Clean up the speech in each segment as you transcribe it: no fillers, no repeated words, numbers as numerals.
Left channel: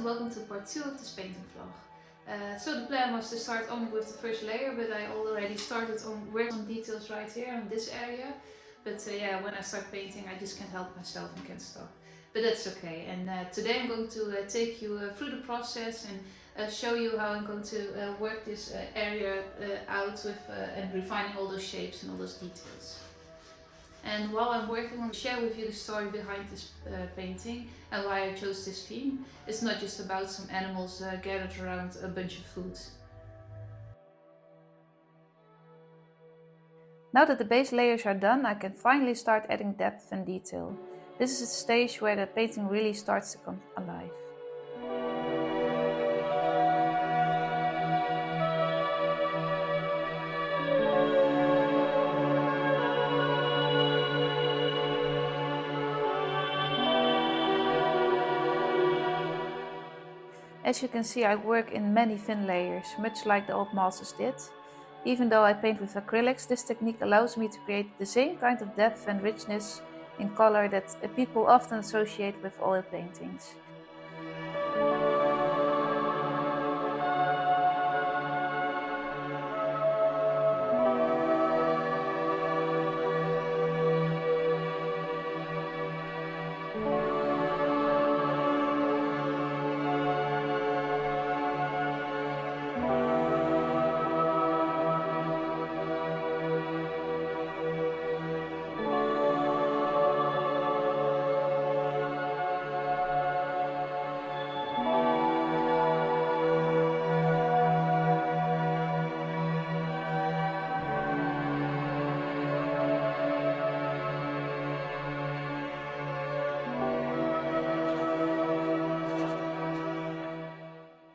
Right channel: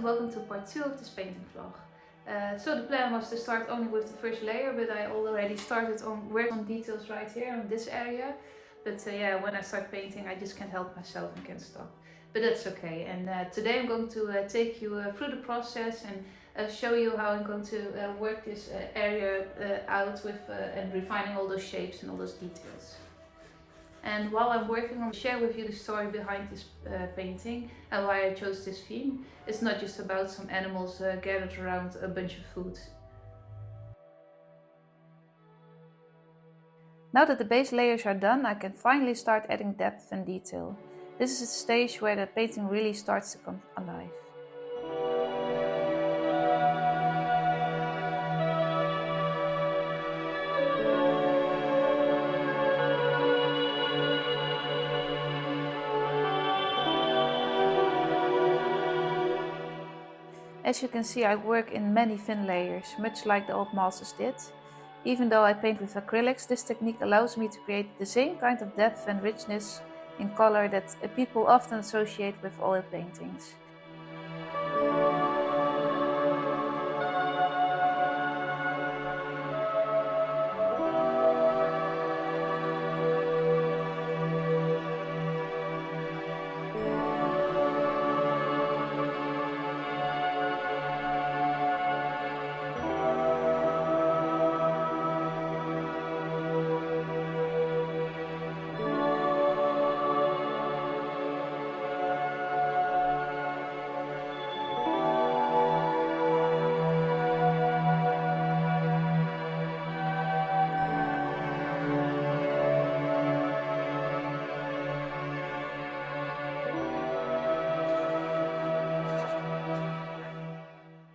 and welcome to part 2 of this painting vlog. So the plan was to start only with the first layer, but I already started on working on details right here on this area. But yeah, when I start painting I just can't help myself and can't stop. But that's okay. And today I'm going to take you through the process and show you how I'm going to work this area out with and refining all those shapes and all those details. And while I'm working on share with you the story behind this painting and why I chose this theme. It's not just about some animals gathered around a bunch of food. Now that the base layers are done, I can finally start adding depth and detail. This is the stage where the painting really starts to come alive. As you can see, I work in many thin layers, much like the old masters did. Even though I paint with acrylics, this technique allows me to create the same kind of depth and richness in color that people often associate with oil paintings.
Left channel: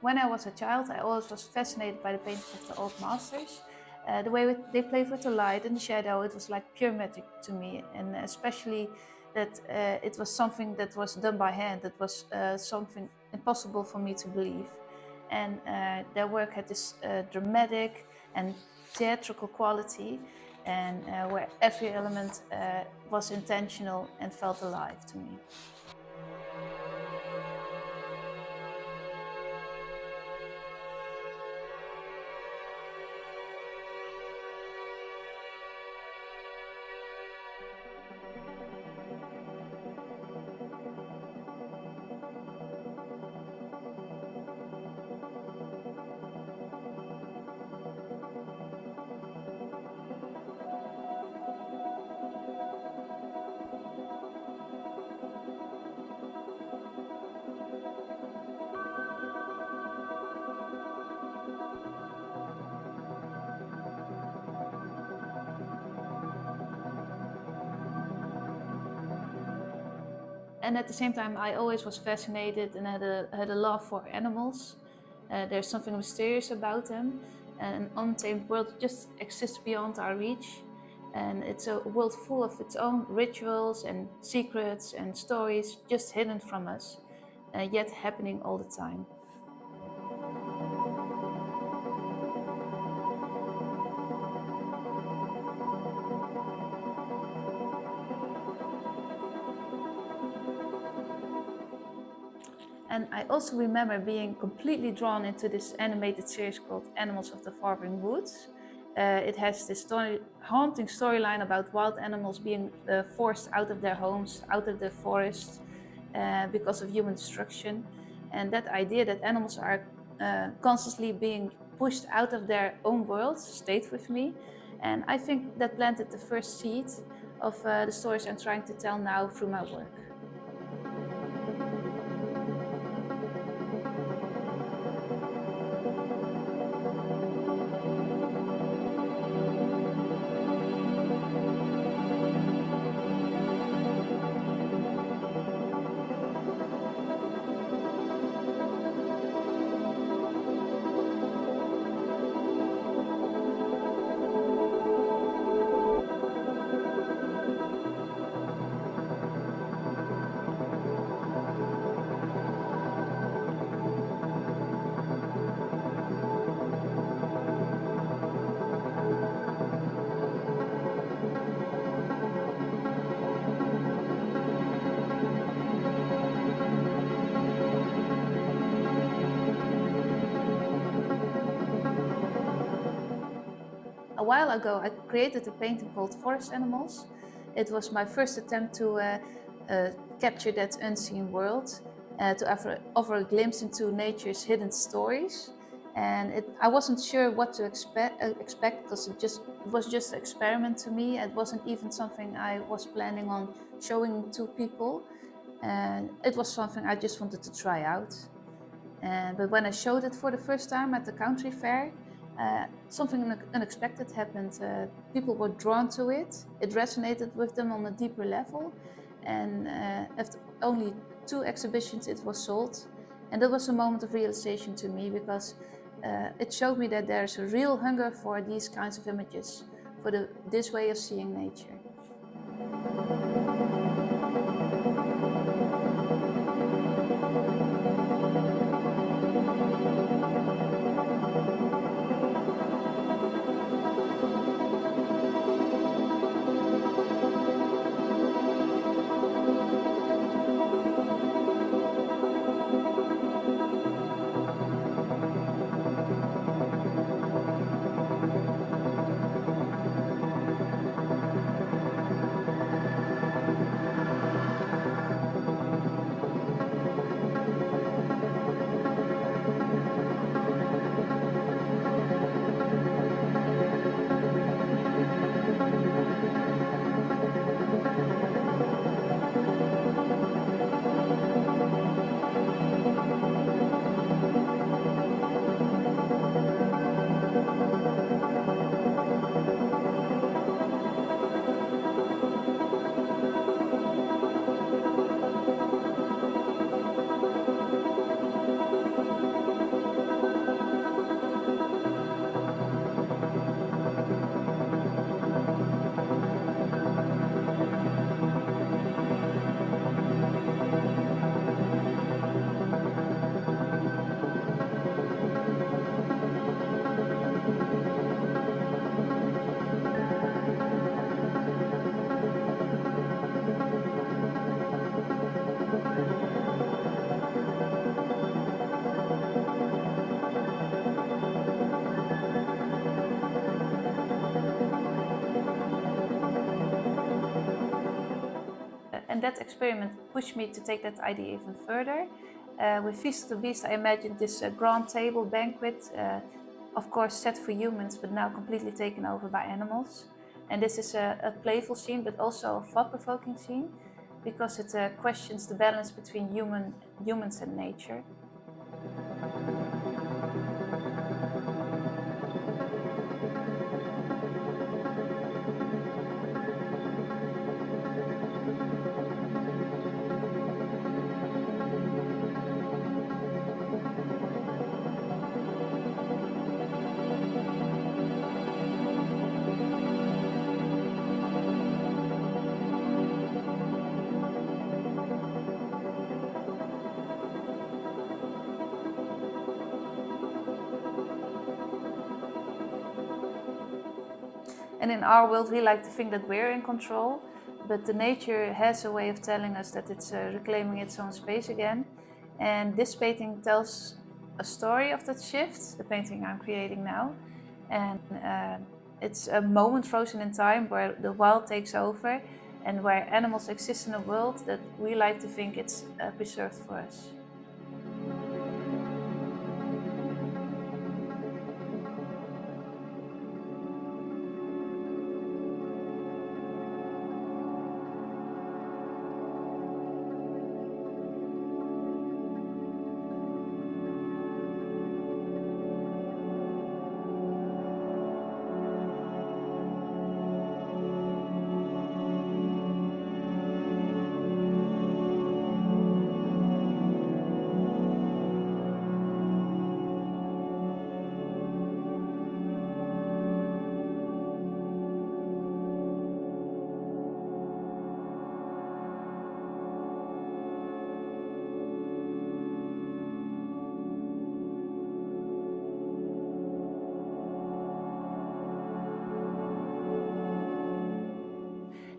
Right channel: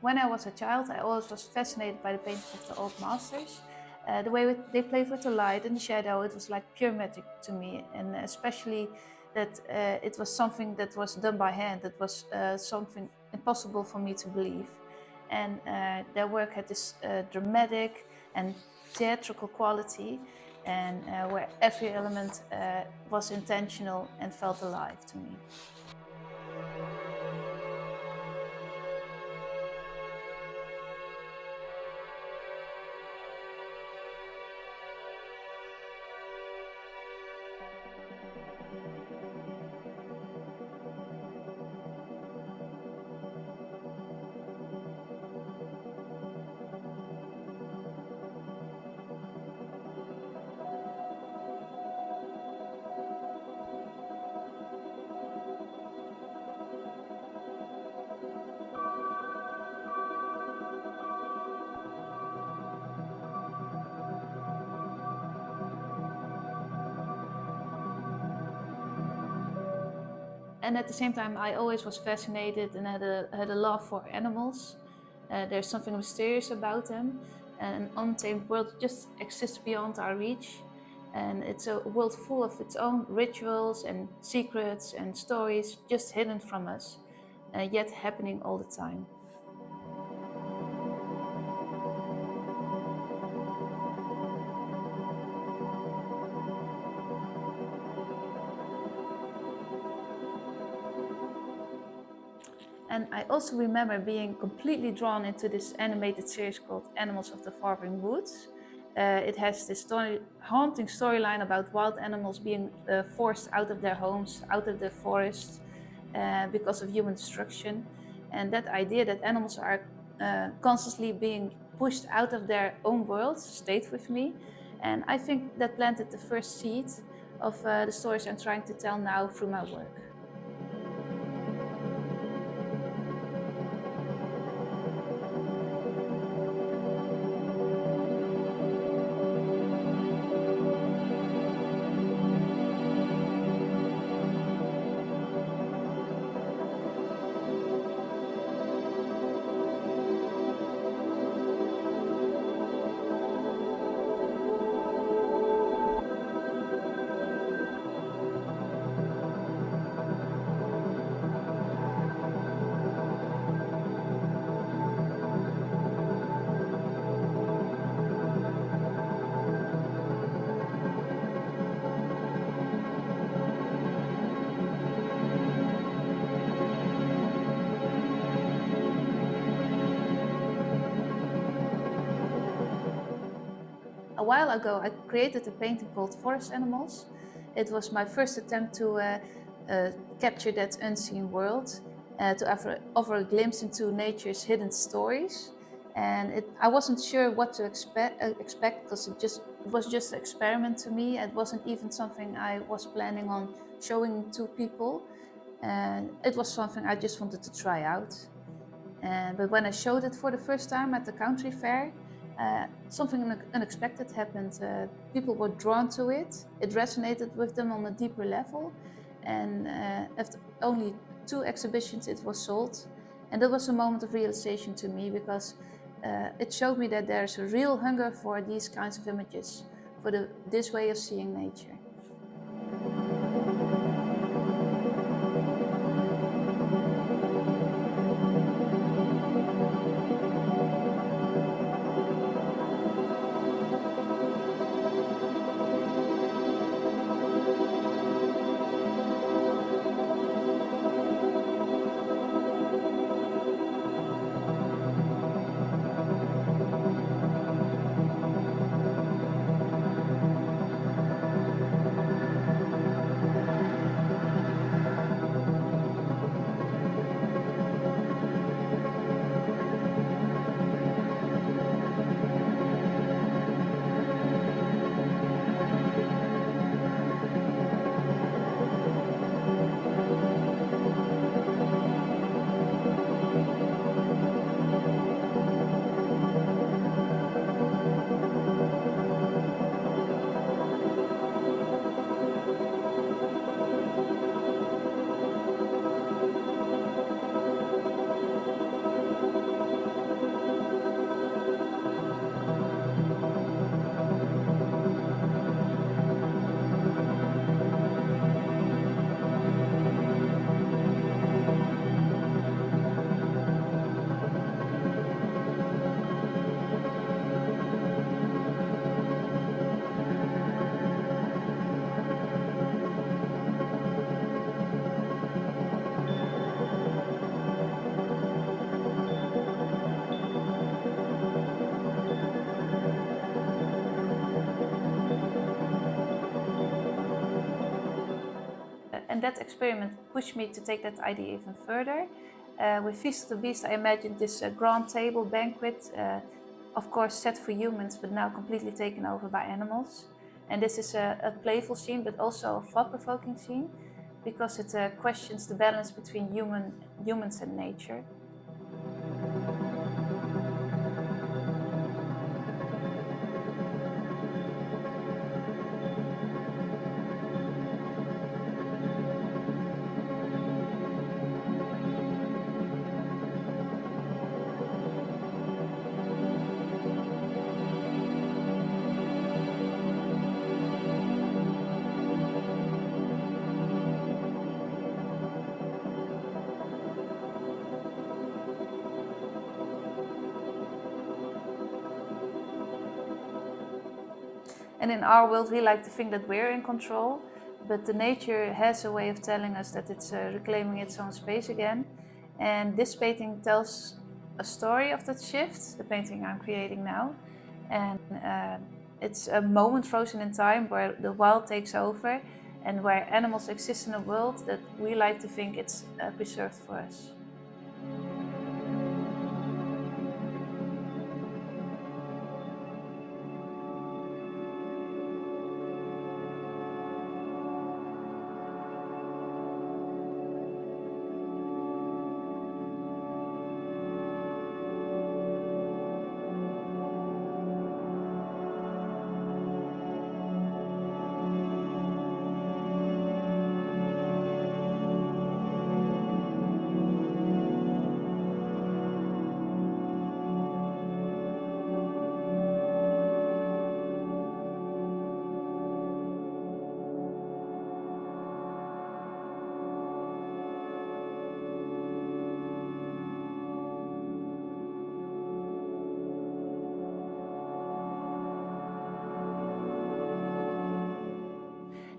When I was a child, I always was fascinated by the paintings of the old masters. The way they played with the light and the shadow, it was like pure magic to me. And especially that it was something that was done by hand, that was something impossible for me to believe. And their work had this dramatic and theatrical quality, and where every element was intentional and felt alive to me. And at the same time, I always was fascinated and had a love for animals. There's something mysterious about them. An untamed world just exists beyond our reach. And it's a world full of its own rituals and secrets and stories just hidden from us, yet happening all the time. And I also remember being completely drawn into this animated series called Animals of Farthing Wood. It has this haunting storyline about wild animals being forced out of their homes, out of the forest, because of human destruction. And that idea that animals are constantly being pushed out of their own world stayed with me. And I think that planted the first seed of the stories I'm trying to tell now through my work. A while ago, I created a painting called Forest Animals. It was my first attempt to capture that unseen world, to offer a glimpse into nature's hidden stories. And I wasn't sure what to expect because it was just an experiment to me. It wasn't even something I was planning on showing to people. And it was something I just wanted to try out. But when I showed it for the first time at the country fair, something unexpected happened. People were drawn to it. It resonated with them on a deeper level. And after only 2 exhibitions, it was sold. And that was a moment of realization to me, because it showed me that there's a real hunger for these kinds of images, for this way of seeing nature. And that experiment pushed me to take that idea even further. With Feast of the Beast, I imagined this grand table banquet, of course set for humans, but now completely taken over by animals. And this is a playful scene, but also a thought-provoking scene, because it questions the balance between humans and nature. And in our world, we like to think that we're in control, but the nature has a way of telling us that it's reclaiming its own space again. And this painting tells a story of that shift, the painting I'm creating now. And it's a moment frozen in time where the wild takes over and where animals exist in a world that we like to think it's preserved for us.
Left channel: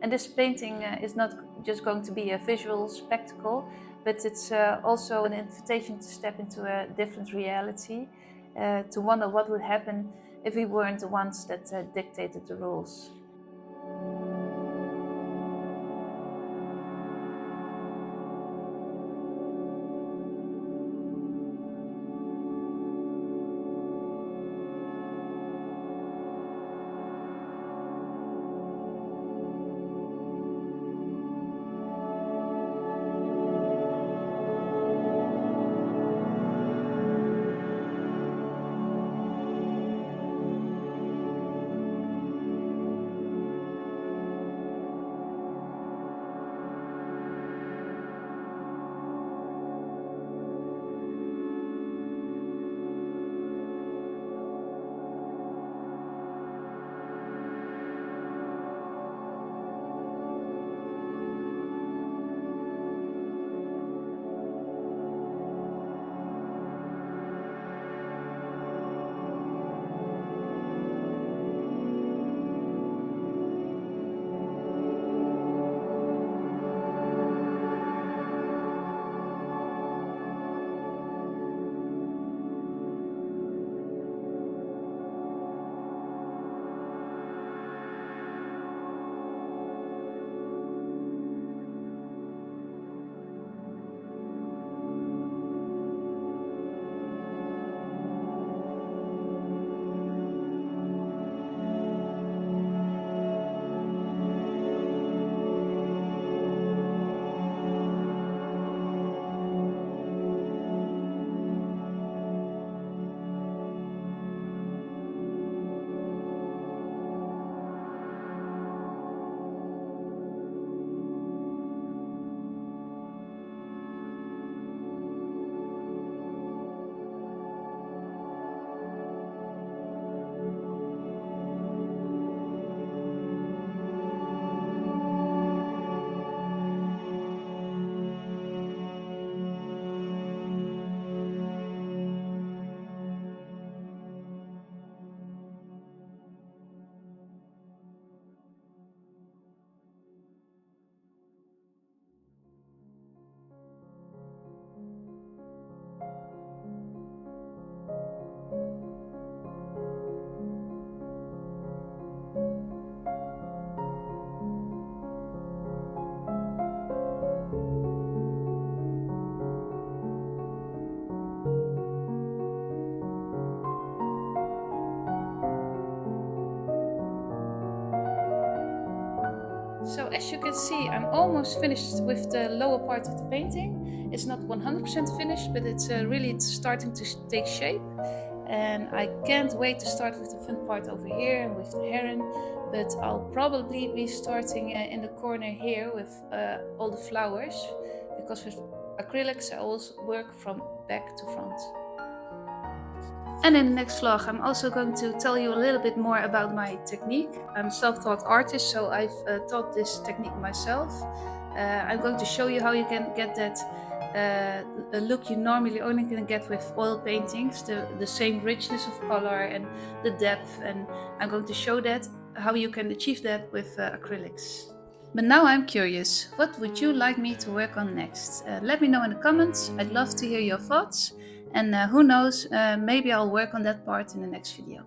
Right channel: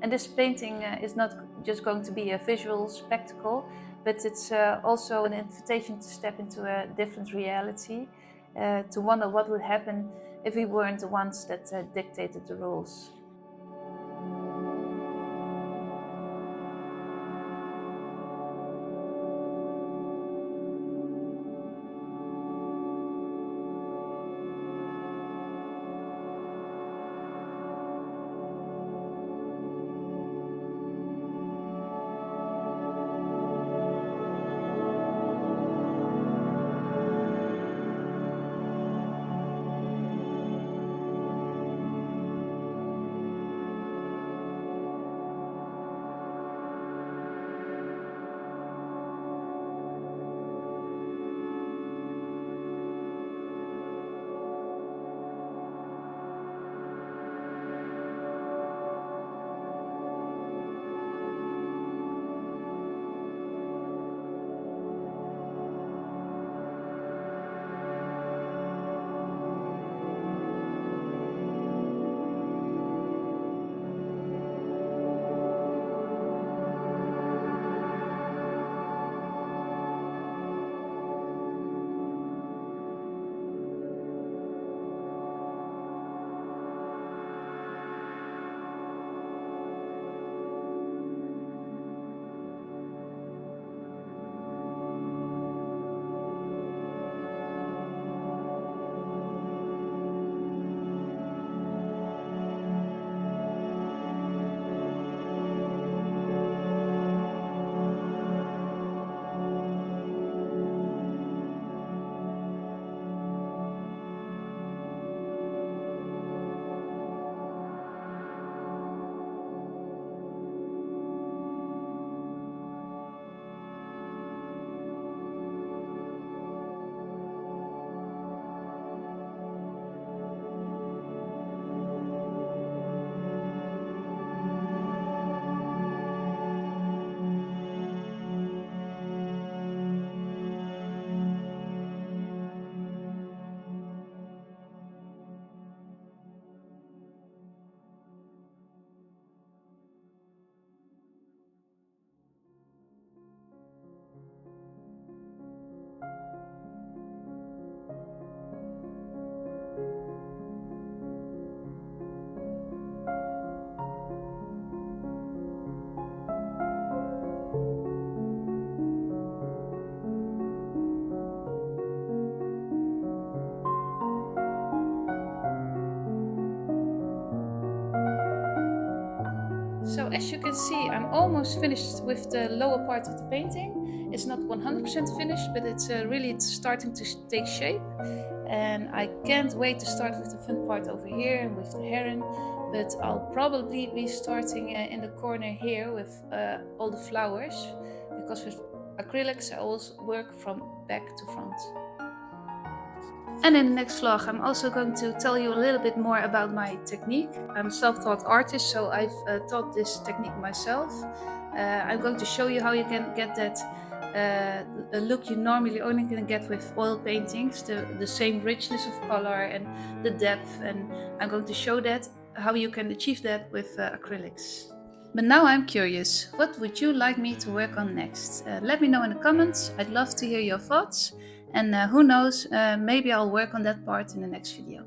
And this painting is not just going to be a visual spectacle, but it's also an invitation to step into a different reality, to wonder what would happen if we weren't the ones that dictated the rules. So as you can see, I'm almost finished with the lower part of the painting. It's not 100% finished, but it's really starting to take shape. And I can't wait to start with the fun part over here and with the heron. But I'll probably be starting in the corner here with all the flowers, because with acrylics I always work from back to front. And in the next vlog, I'm also going to tell you a little bit more about my technique. I'm a self-taught artist, so I've taught this technique myself. I'm going to show you how you can get that look you normally only can get with oil paintings, the same richness of color and the depth. And I'm going to show that how you can achieve that with acrylics. But now I'm curious, what would you like me to work on next? Let me know in the comments. I'd love to hear your thoughts. And who knows, maybe I'll work on that part in the next video.